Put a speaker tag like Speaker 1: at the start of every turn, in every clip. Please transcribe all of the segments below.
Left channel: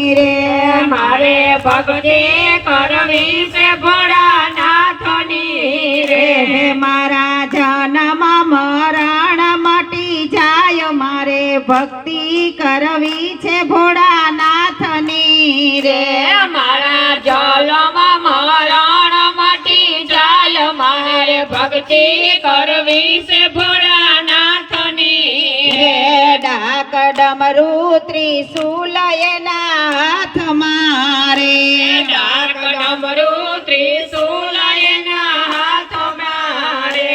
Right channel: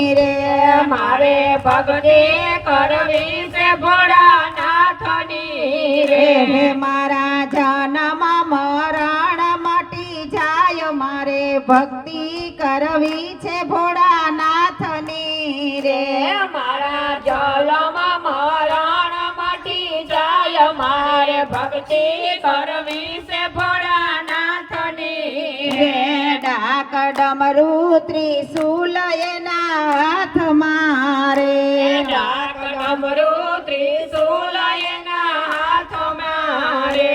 Speaker 1: રે
Speaker 2: મારે ભક્તિ કરવી છે ભોળાનાથની
Speaker 1: રે. મારા જન્મ મરણ મટી જાય મારે ભક્તિ ડમરુ ત્રિશુલ એના હાથમાં રે
Speaker 2: ડાક ડમરું ત્રિશૂલ એના હાથમાં રે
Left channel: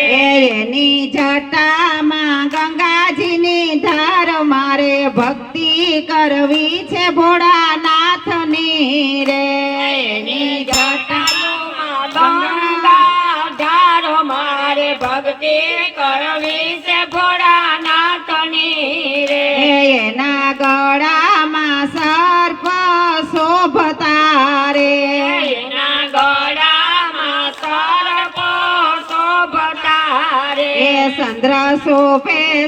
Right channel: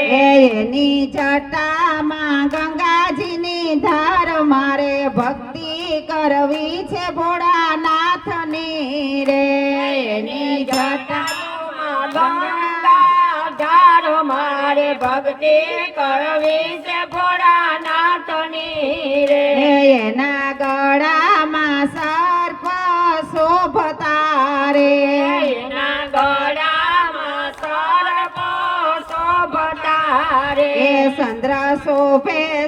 Speaker 1: એની જટામાં ગંગાજીની ધાર મારે. ભક્તિ કરવી છે ભોળાનાથની રે
Speaker 2: એની જટામાં ગંગાધાર મારે. ભક્તિ
Speaker 1: એ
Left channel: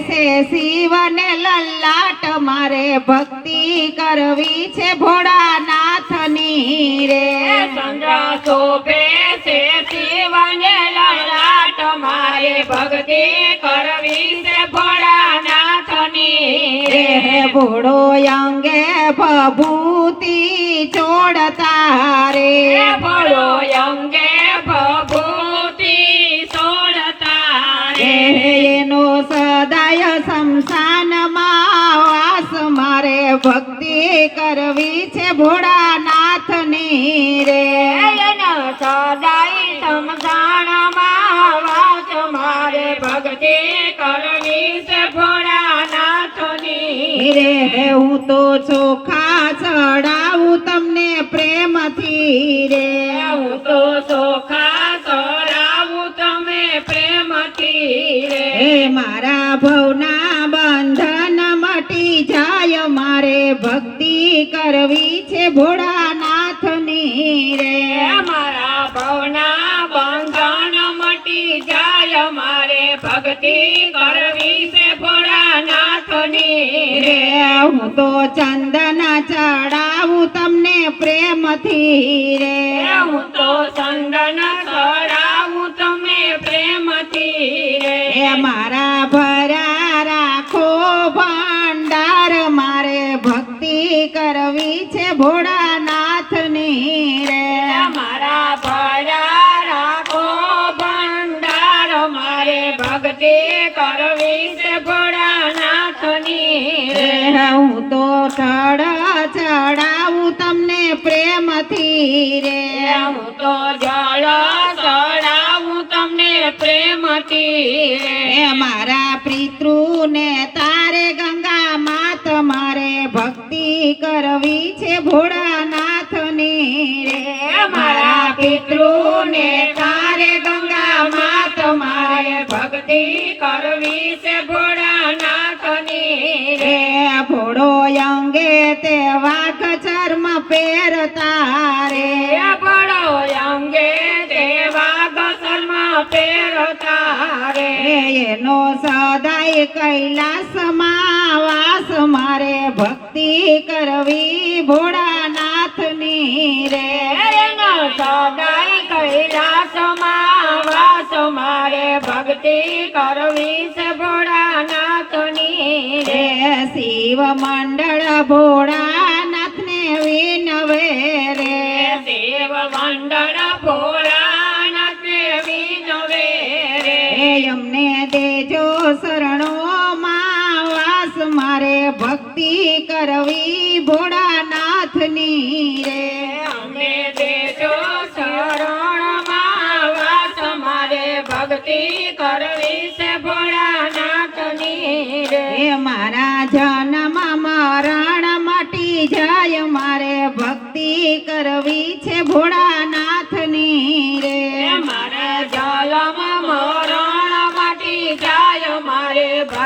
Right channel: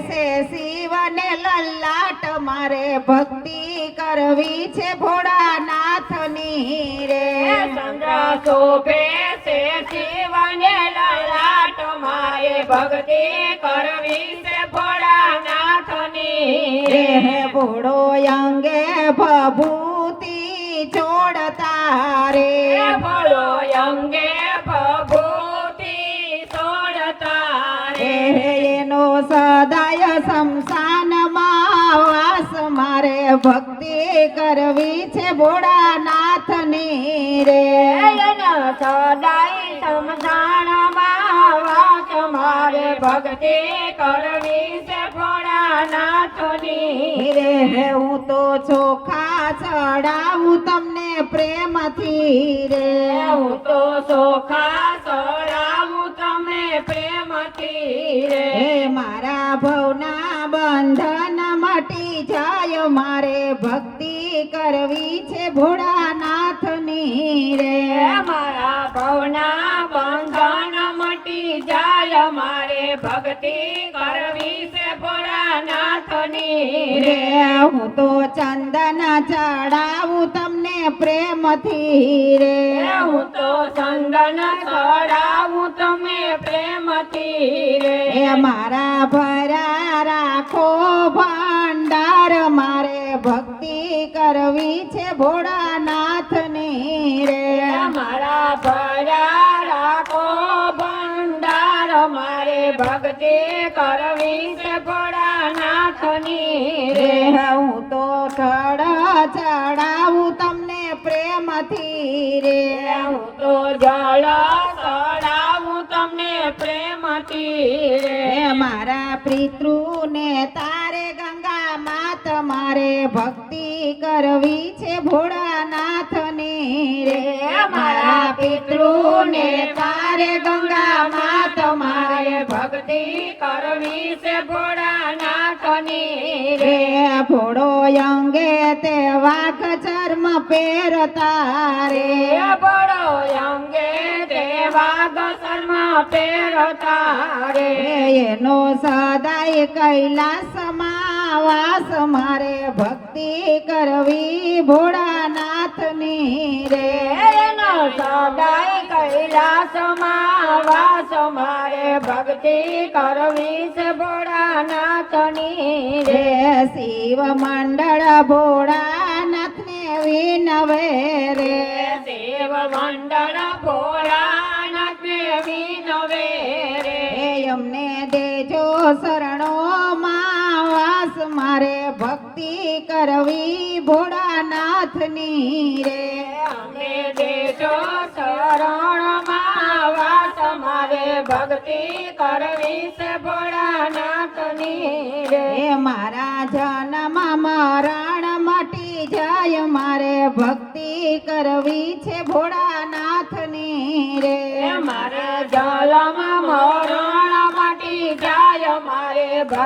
Speaker 1: છે શિવને લલાટ મારે ભક્તિ કરવી છે ભોળાનાથની રે.
Speaker 2: સંદ્રાસો પેસે શિવને લલાટ મારે ભક્તિ કરવી છે ભોળાનાથની
Speaker 1: રે. ભોળો અંગે કરવી છે ભોળાનાથની રે.
Speaker 2: સદાય સમસાણમાં વાસ મારે ભક્તિ કરવી છે ભોળાનાથની
Speaker 1: રે હું તો ચોખા ચડાવું તમને પ્રેમથી રે.
Speaker 2: હું તો ચોખા રે
Speaker 1: હું તો ચંદન ચડાવું તમને પ્રેમથી રે.
Speaker 2: હું તો ચંદન ચડાવું તમે પ્રેમથી રે.
Speaker 1: મારા ભરા રાખો ભંડાર મારે ભક્તિ કરવી છે ભોળાનાથની રે.
Speaker 2: મારા ભરા રાખો ભંડાર મારે ભક્તિ કરવી છે
Speaker 1: રે. હું તો
Speaker 2: જળ ચડાવું તમને પ્રેમથી રે.
Speaker 1: મારા પિતૃને તારે ગંગા માત મારે ભક્તિ કરવી છે ભોળાનાથની રે.
Speaker 2: મારા પિતૃને તારે ગંગા માત મારે ભક્તિ કરવી છે ભોળાનાથની
Speaker 1: રે.
Speaker 2: રે
Speaker 1: ભોળો અંગે પહેરતા રે
Speaker 2: પડો અંગે દેવા ગસલમાં પહેરતા રે
Speaker 1: એનો સદાય કૈલાસ વાસ મારે. ભક્તિ કરવી ભોળાનાથની રે.
Speaker 2: એનો સદાય કૈલાસ વાસ મારે. ભક્તિ કરવી છે ભોળાનાથની
Speaker 1: રે. શિવ મંડળ ભોળાનાથને વાસ મારે ભક્તિ કરવી ભોળાનાથની રે.
Speaker 2: અમને દેજો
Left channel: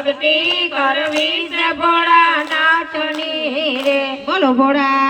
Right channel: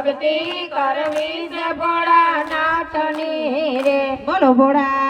Speaker 2: ભક્તિ કરવી છે ભોળાનાથની રે.
Speaker 1: બોલો ભોળાનાથ